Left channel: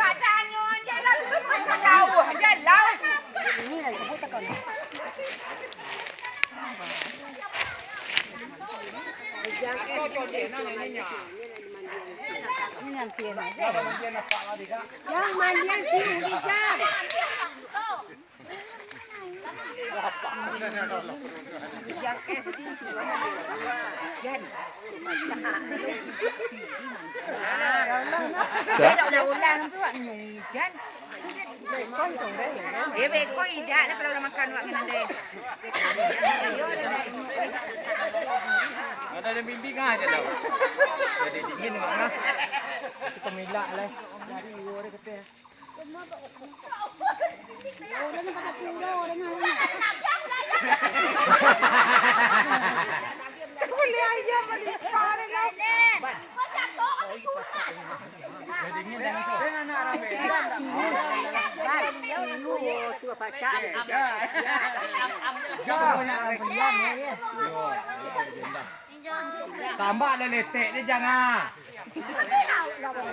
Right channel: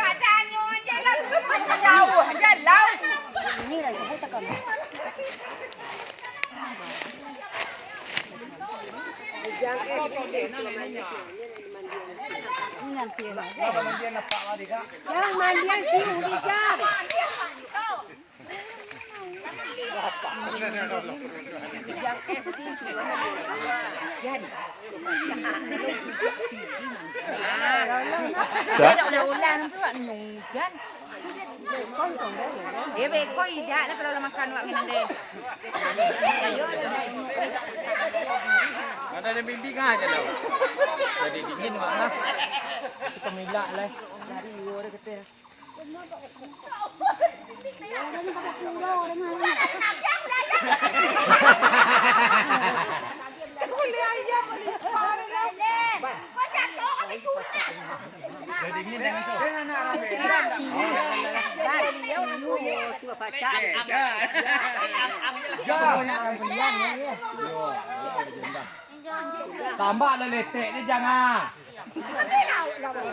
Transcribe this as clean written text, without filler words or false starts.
Katanya jalan tu jauh, jalan. Ini lagi sebut takkan. Jangan mandian apa lagi kak? Jangan mandian sini kak. Yang SD cuma dua. Dah ulang tu awak nungjan. Dia beko ijak lah pada makan awak kena deh. Ayo dah. Ada bimbingan aja lah. Jadi dingin mana? Kita milak lah. Dari luar kata. Boleh aja boleh. Dengan anak ramai. Tambah letek ni jangan.